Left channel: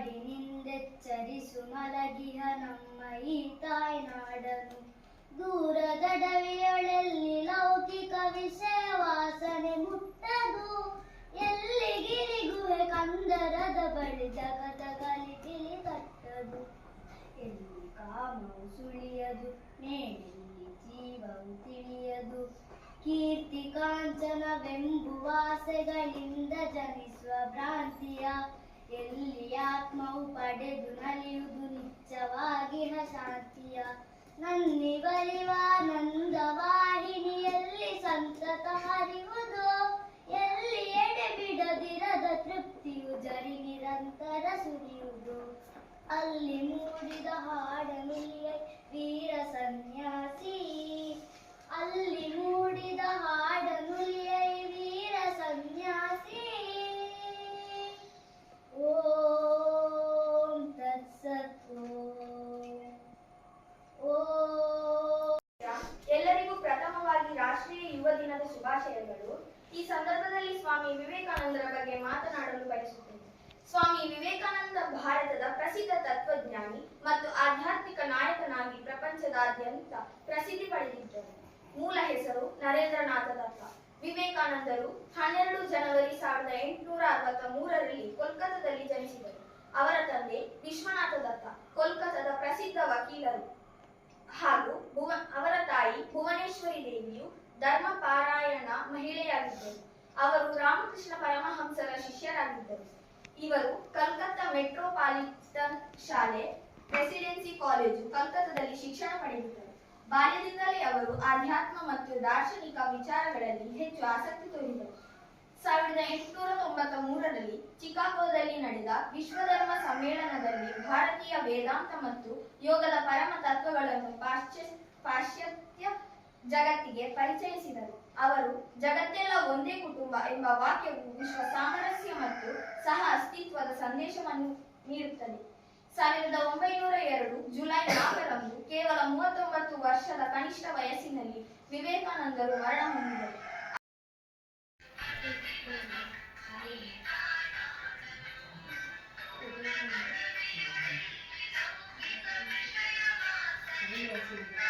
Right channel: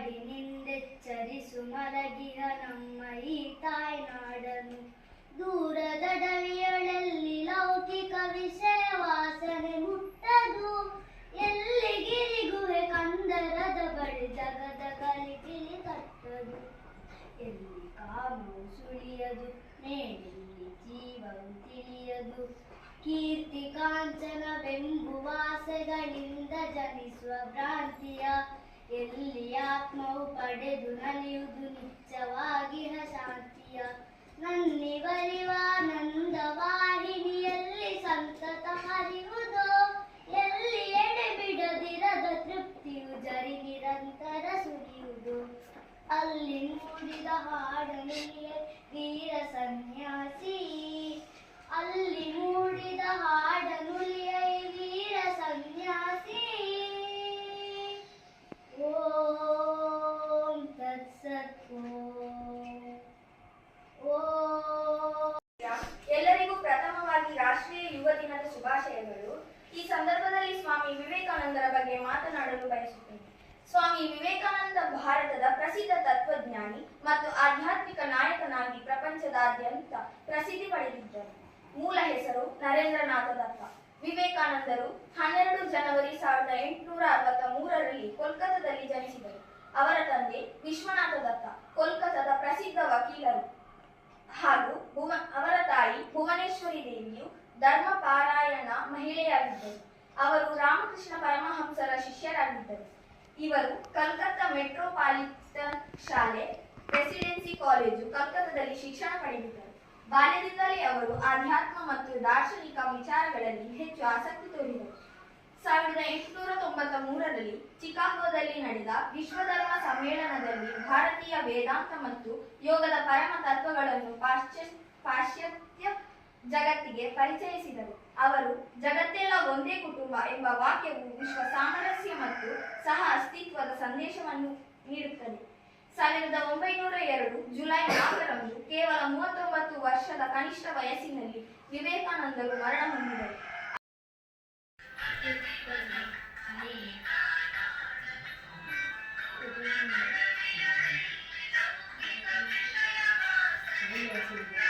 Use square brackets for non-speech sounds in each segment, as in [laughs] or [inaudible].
ಮಾಡಿ ನಿಂದೆಚ್ಚರಿಸು ಮಲಗಿಹ ನಮ್ಮ ಈ ತಾಯ್ನಾಡನು ದೂರದ ಡವಿಯೊಳಲ್ಲಿ ಲೌಕಿಕ ವಿಷಯ ವಾಸನೆ ಮುಟ್ಟದು. ಎಲ್ಲಿ ಗಿರಿಗುವೆ ಕಂದರದ ಬಳಿ ಜಗದ ಕಲಿಕಿಲಿ ಕಟ್ಟದು ಎಲ್ಲಿ ಕಾಮವು ಸುಳಿಯದು ನೇನೆಲ್ಲಿ ಜೀವವು ತಿಳಿಯದು. ಕೀರ್ತಿ ಕಾಂಚನ ಬೆಂಬುವಾಸೆಗಳಿಂದ ಜನಿಸುವ ಭ್ರಾಂತಿಯ ಎಲ್ಲಿ ಆತ್ಮವು ಪಡೆದು ನಲಿಯುವುದು ನಿಜವಾಗಿ ಶಾಂತಿಯ ನನ್ನಿವರಿವಾನಂದ ವಾಹಿನಿಯಲ್ಲಿ ಸಂತತ ಹರಿವುದು ಎಲ್ಲಿ ಎಡೆ ಬಿಡದಿರದ ತೃಪ್ತಿಯು ಜರಿ ನಿರಂತರ ಸುರಿಯುವುದು. ಅಲ್ಲಿ ಮೂಡಿದ ಹಾಡನುಲಿಯ ವೀರ ಸನ್ಯಾಸಿ. ಅಲ್ಲಿ ಈ ಸಂದರ್ಭದಲ್ಲಿ ಸ್ವಾಮಿ ವಿವೇಕಾನಂದರ ಬಗ್ಗೆ ಮಾತನಾಡಲು ಬಯಸುತ್ತೇನೆ. ಸ್ವಾಮಿ ವಿವೇಕಾನಂದ ಭಾರತದ ಪ್ರಸಿದ್ಧ ತತ್ವಜ್ಞಾನಿ ಮತ್ತು ಆಧ್ಯಾತ್ಮಿಕ ನಾಯಕನಾಗಿ ಪ್ರಪಂಚದಾದ್ಯಂತ ಪ್ರಸಿದ್ಧಿ ಪಡೆದಿದ್ದರು ಮೂಲ ಹೆಸರು ನರೇಂದ್ರನಾಥ ದತ್ತ. ವಿವೇಕಾನಂದರು ಹನ್ನೆರಡು ಜನವರಿ ಸಾವಿರದ ಎಂಟುನೂರ ಅರವತ್ತ ಮೂರರಲ್ಲಿ ಕೋಲ್ಕತ್ತಾದಲ್ಲಿ ಜನಿಸಿದರು. ಅವರ ತಂದೆ ವಿಶ್ವನಾಥ ದತ್ತ, ಕೋಲ್ಕತ್ತಾದ ಪ್ರಸಿದ್ಧ ವಕೀಲರು ಹಾಗೂ ಅವರ ತಾಯಿ ಭುವನೇಶ್ವರಿ ದೇವಿಯು ಧರ್ಮ ಪಾರಾಯಣ ಮಹಿಳೆಯಾಗಿದ್ದರು. ಅವರು ರಾಮಕೃಷ್ಣ ಪರಮಹಂಸರ ಶಿಷ್ಯರಾಗಿದ್ದರು. ಇವರು ಕಲ್ಕತ್ತಾ ಮೆಟ್ರೋಪಾಲಿಟನ್ ಶಾಲೆ ಪ್ರೆಸಿಡೆನ್ಸಿ ಕಾಲೇಜು ಕಲ್ಕತ್ತಾದಲ್ಲಿ ಶಿಕ್ಷಣ ಪಡೆದಿದ್ದರು. ಬಾಲ್ಯದಿಂದಲೇ ಅವರು ಆಧ್ಯಾತ್ಮ ಮತ್ತು ದಾರ್ಶನಿಕ ವಿಚಾರಗಳಲ್ಲಿ ಹೆಚ್ಚು ಆಸಕ್ತಿ ತೋರಿದರು. ಸಾವಿರದ ಎಂಟುನೂರ ತೊಂಬತ್ತ ಮೂರರಲ್ಲಿ ಚಿಕಾಗೋದಲ್ಲಿ ನಡೆದ ವಿಶ್ವಧರ್ಮ ಸಮ್ಮೇಳನದಲ್ಲಿ ಭಾರತೀಯ ವೇದಾಂತ ಮತ್ತು ಯೋಗದ ಪರಮ ತತ್ವಗಳನ್ನು ಪಾಶ್ಚ ಪಾಶ್ಚಾತ್ಯ ಜಗತ್ತಿಗೆ ಪರಿಚಯಿಸಿದರು. ಅವರು ಜಗತ್ತೆಲ್ಲ ಒಂದೇ ಕುಟುಂಬ ಎಂಬ ವಾಕ್ಯವು ವಿಶ್ವ ಸಾಮರಸ್ಯ ಮತ್ತು ಸಹ ಅಸ್ತಿತ್ವದ ಸಂದೇಶವನ್ನು ನೀಡುತ್ತದೆ. ಸಾವಿರದ ಒಂಬೈನೂರ ಎರಡು ಜುಲೈ ನಾಲ್ಕರಂದು ಕೇವಲ ಮೂವತ್ತೊಂಬತ್ತು ವರ್ಷದ ಕನಿಷ್ಠ ವಯಸ್ಸಿನಲ್ಲಿ ವಿವೇಕಾನಂದರು ಮರಣ ಹೊಂದಿದರು. Thank you.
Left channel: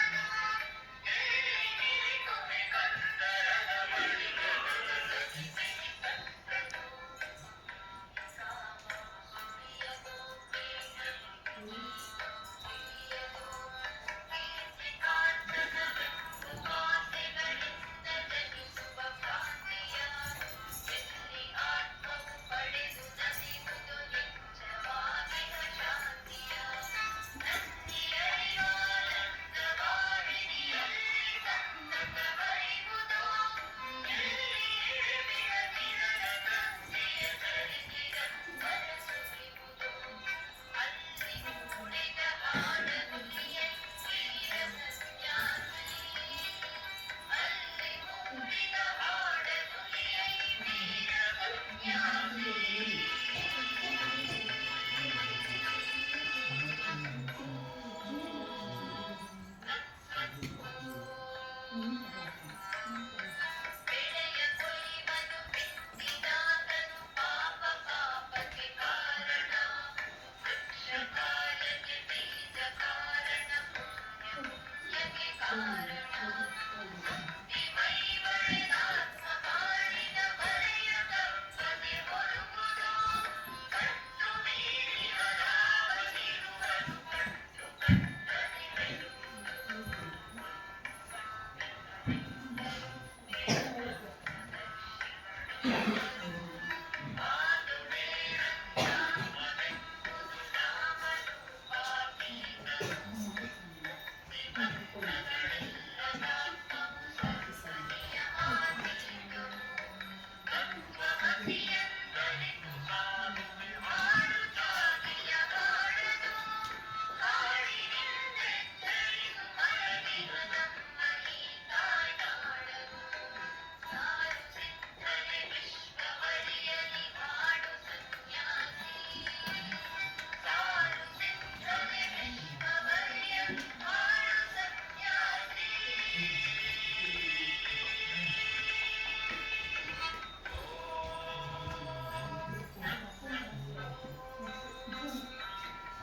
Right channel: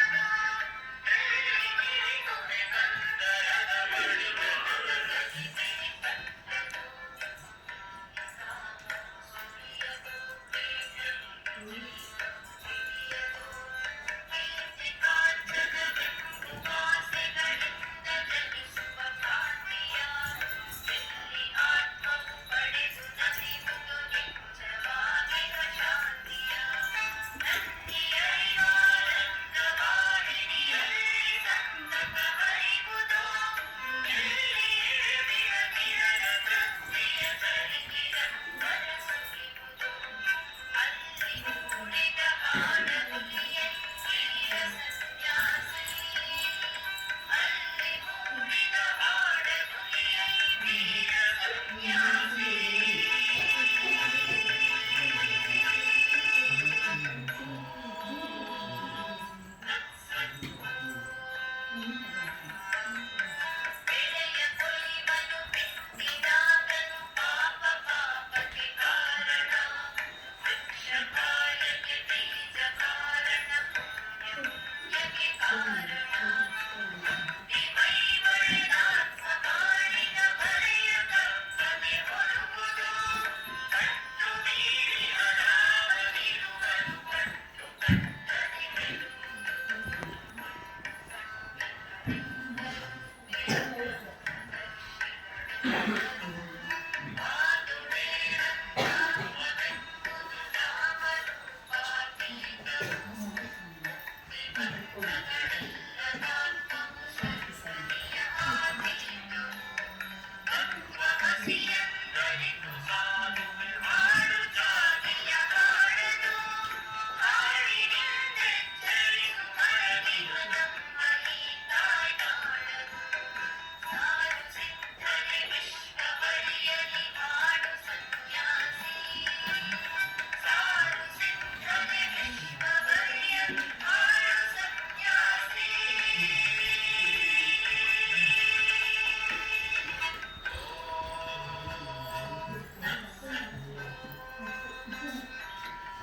Yeah. [laughs]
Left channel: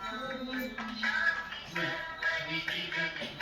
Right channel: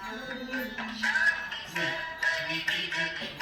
Thank you.